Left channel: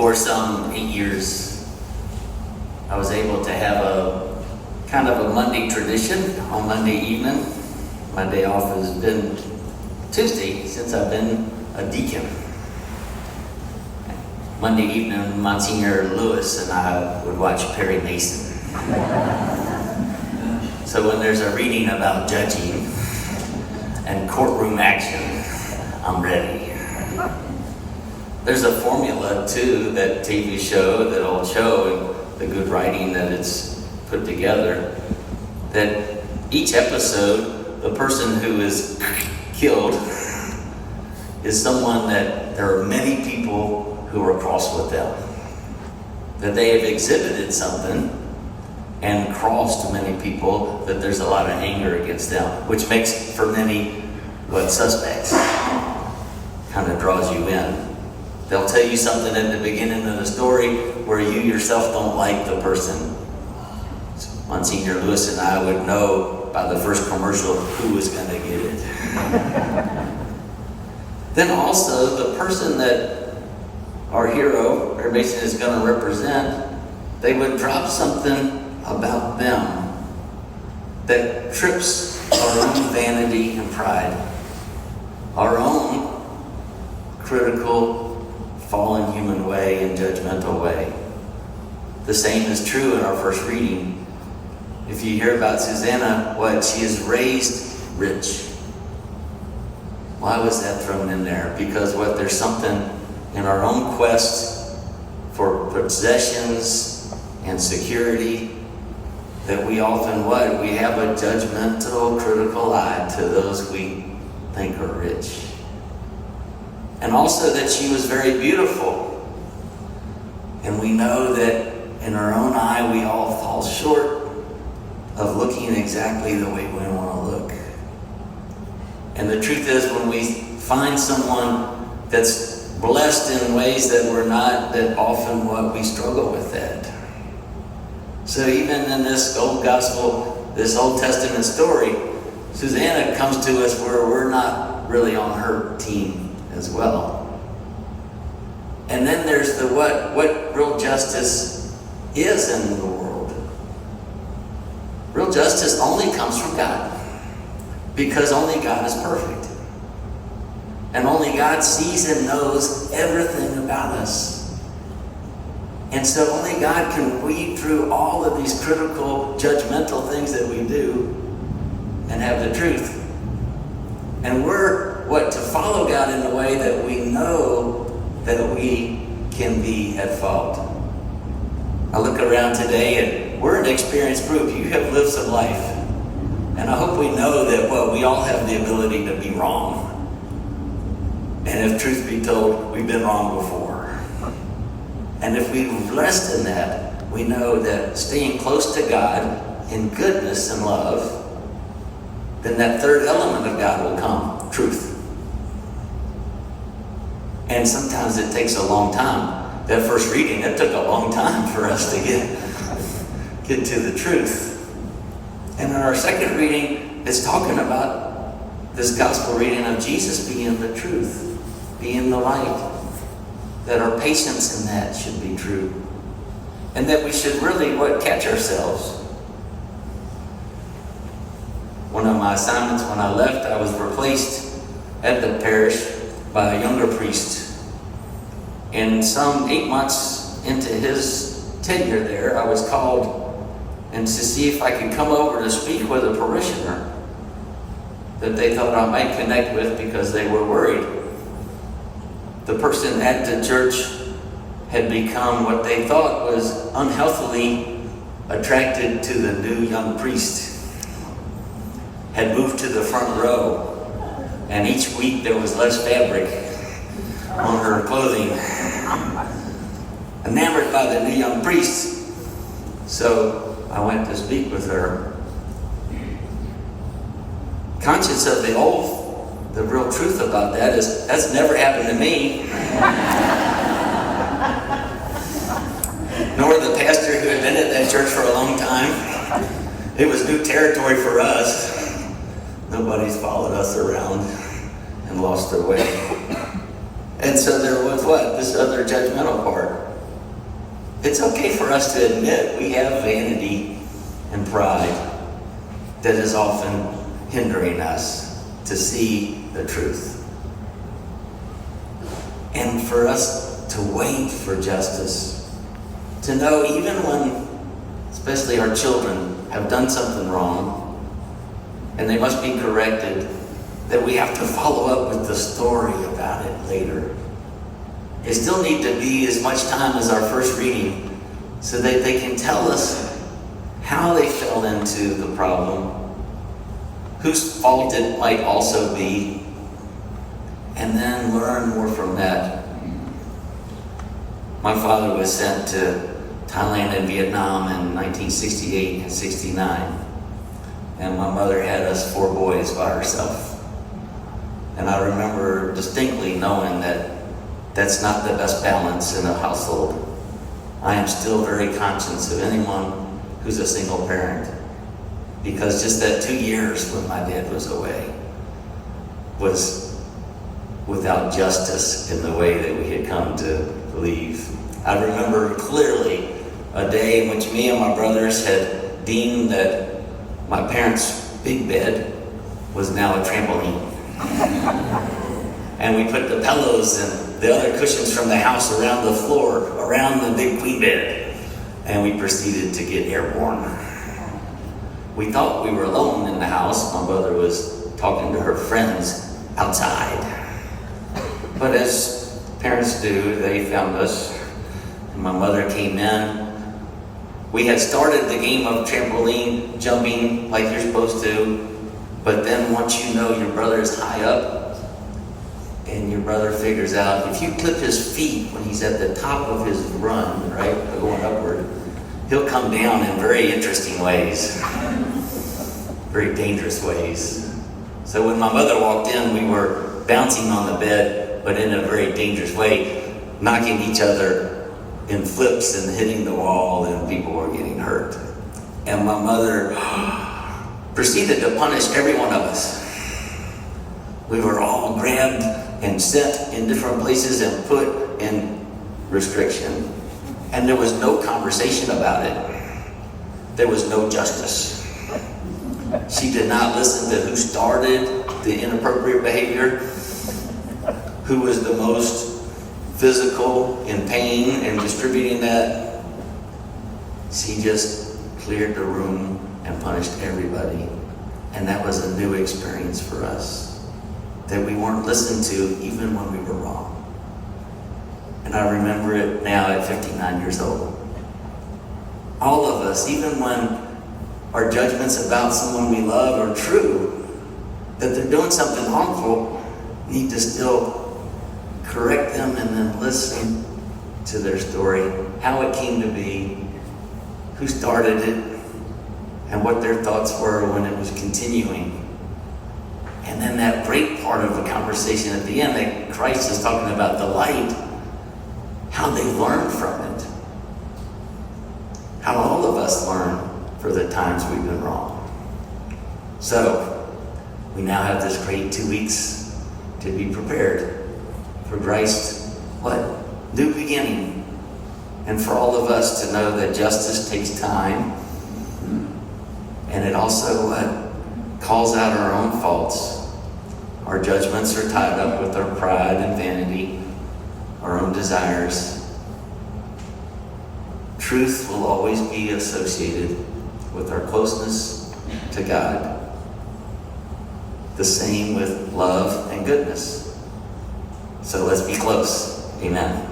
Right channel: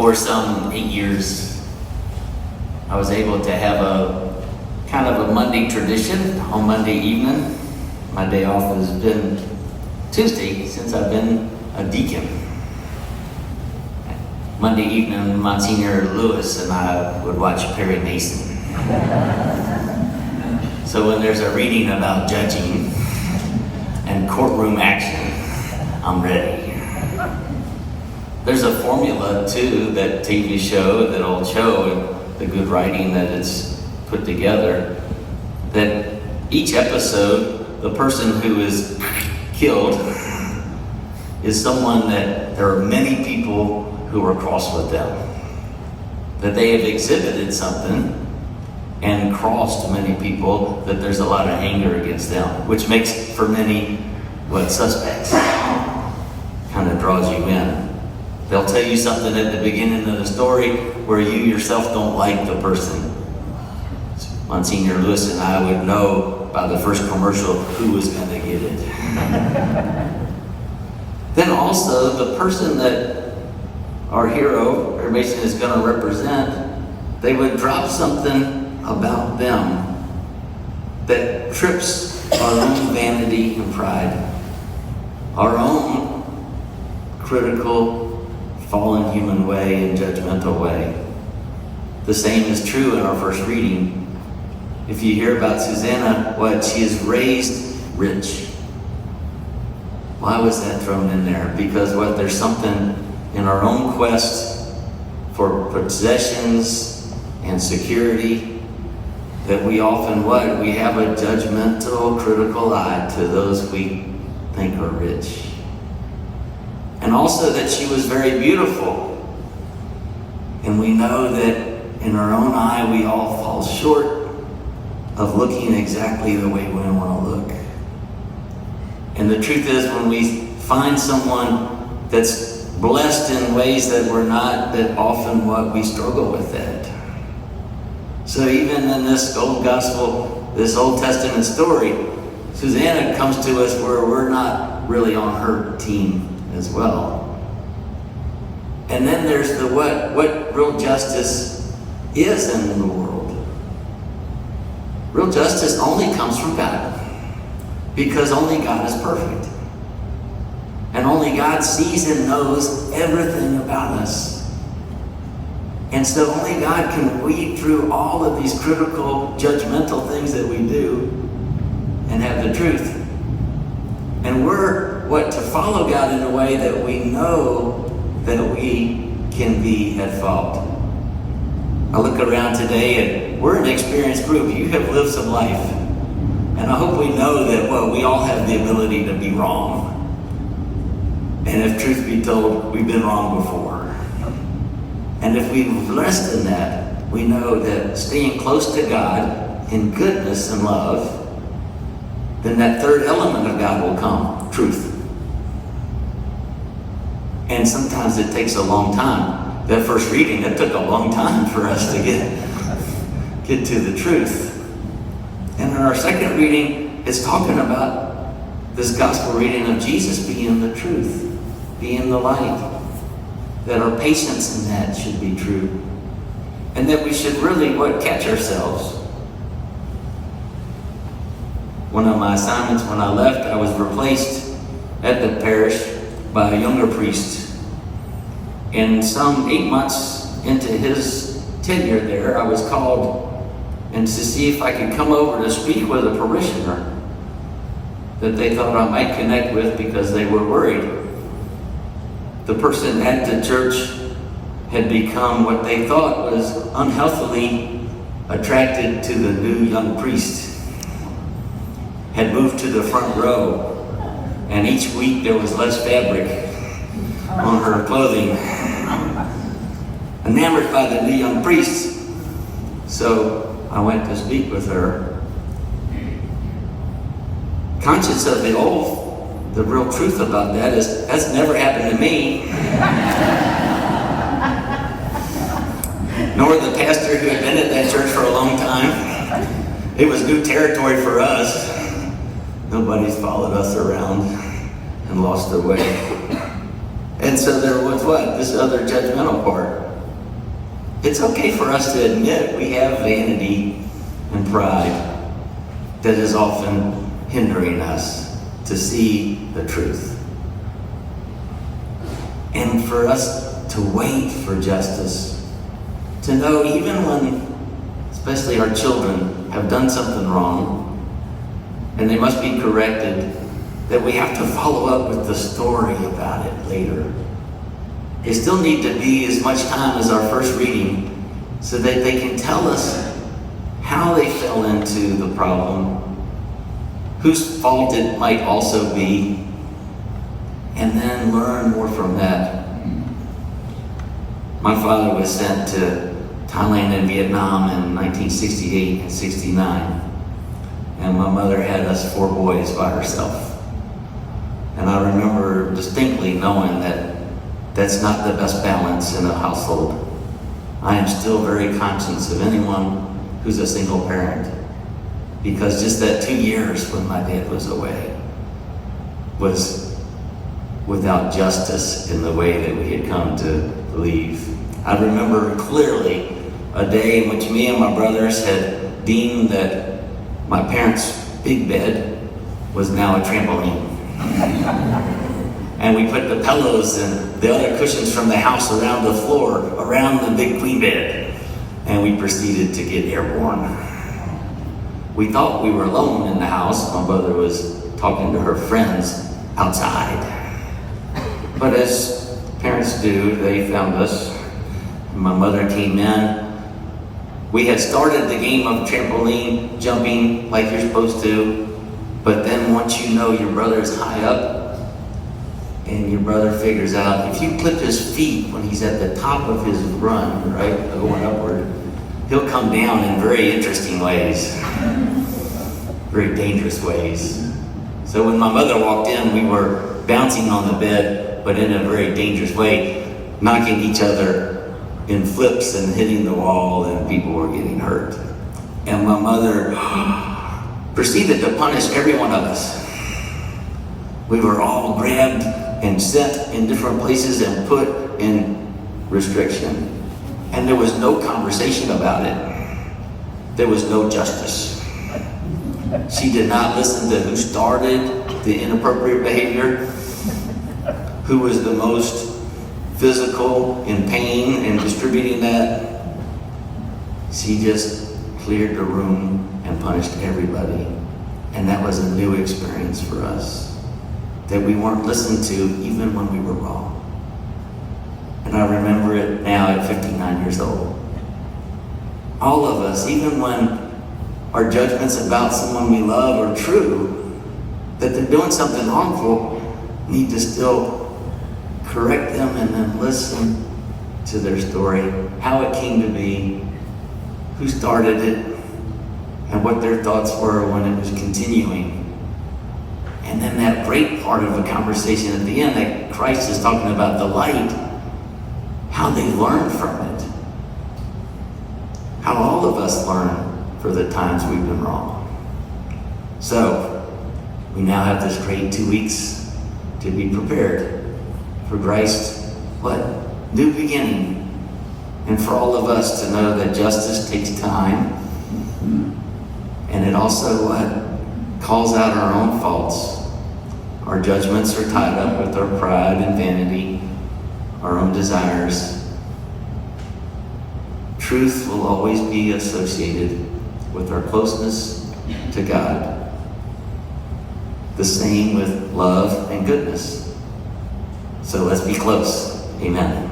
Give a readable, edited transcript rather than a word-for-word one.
For some 8 years, I was able to have a kind of a Monday tradition on Monday evening. My day off has been Tuesday since I've been a deacon. Monday evening, Monsignor Lewis and I would watch Perry Mason. So when there's a reading about judging and courtroom action, I'm ready. There's a formula too, that TV show that'll show the good writing that it's put together, that each episode, the person who is killed is someone that there are many people who are cross with them. That they have exhibited something and crossed many people, that there's a lot of anger against them, which makes for many suspects. Kind of draws you in. They'll tell you something at the beginning of the story where you yourself don't like the person. Monsignor Lewis and I would know by the first commercial who was going to get it. Then also the person that our hero, Perry Mason, is going to represent, they would drop something about them that trips our own vanity and pride, our own critical, fallen human way and judgmental way. The same is true in our first reading. If you hear about Susanna, she is raised rich. Why was that thrown in there? Because there's something in our own quest for possessions and security that we often we have a judgmental, critical eye to those we think are rich. And also that she was very beautiful. And we know that in our own eye, we all fall short of looking exactly the way we want to look. And the truth is, when we find someone that's blessed in ways that we're not, that often we struggle with that. So even in this old gospel, this Old Testament story, Susanna comes to us where we're not really on her team as well. And then there's the what real justice is in the world. Real justice only comes from God, because only God is perfect. And only God sees and knows everything about us. And so only God can weed through all of these critical, judgmental things that we do and have the truth. And we're to follow God in a way that we know that we can be at fault. I look around today and we're an experienced group. You have lived some life. And I hope we know that we all have the ability to be wrong. And if truth be told, we've been wrong before. And if we rest in that, we know that staying close to God in goodness and love, then that third element of God will come, truth. And sometimes it takes a long time. That first reading, it took a long time for us to get to the truth. And in our second reading, it's talking about this gospel reading of Jesus being the truth, being the light. That our patience in that should be true. And that we should really catch ourselves. One of my assignments when I left, I was replaced at the parish by a younger priest. And some 8 months into his tenure there, I was called and to see if I could come over to speak with a parishioner that they thought I might connect with because they were worried. The person at the church had become what they thought was unhealthily attracted to the new young priest. Had moved to the front row. And each week there was less fabric on her clothing. Enamored by the new young priest. So I went to speak with her. Conscious of the real truth about that is, that's never happened to me. Nor the pastor who had been at that church for a long time. It was new territory for us. Nobody's followed us around and lost their way. And so there was this other judgmental part. It's okay for us to admit we have vanity and pride that is often hindering us to see the truth. And for us to wait for justice, to know even when, especially our children, have done something wrong and they must be corrected, that we have to follow up with the story about it later. It still need to be as much time as our first reading so that they can tell us how they fell into the problem, whose fault it might also be, and then learn more from that. My father was sent to Thailand and Vietnam in 1968 and 69, and my mother had us 4 boys by herself. And I remember distinctly knowing that that's not the best balance in a household. I am still very conscious of anyone who's a single parent, because just that 2 years when my dad was away was without justice in the way that we had come to believe. I remember clearly a day in which me and my brothers had deemed that my parents' big bed was now a trampoline. And we put the pillows and the other cushions from the house around the floor, around the big queen bed, and we proceeded to get airborne. We thought we were alone in the house. My mother was talking to her friends outside. But as parents do, they found us. My mother came in. We had started the game of trampoline jumping like you're supposed to, but then once you know your brother is high up, and your brother figures out if you clip his feet when he's at the top of his run, right, going upward, he'll come down in very interesting ways, very dangerous ways. So when my mother walked in, we were bouncing on the bed, but in a very dangerous way, knocking each other in flips and hitting the wall, and people were getting hurt. And my mother proceeded to punish every one of us. We were all grabbed and sent in different places and put in restriction. And there was no conversation about it. There was no justice. She did not listen to who started the inappropriate behavior, who was the most physical in pain and distributing that. She just cleared the room and punished everybody. And that was a new experience for us, that we weren't listened to even when we were wrong. And I remember it now at 59 years old. All of us, even when our judgments about someone we love are true, that they're doing something harmful, need to still correct them and then listen to their story, how it came to be, who started it, and what their thoughts were when it was continuing. And then that great part of the conversation at the end, that Christ is talking about the light, how they learn from it. How all of us learn for the times we've been wrong. So, we now have this great 2 weeks to be prepared for Christ's, new beginning. And for all of us to know that justice takes time. And it also calls out our own faults. Our judgments are tied up with our pride and vanity, our own desires. Truth will always be associated with our closeness to God. The same with love and goodness. So let's be close. Amen.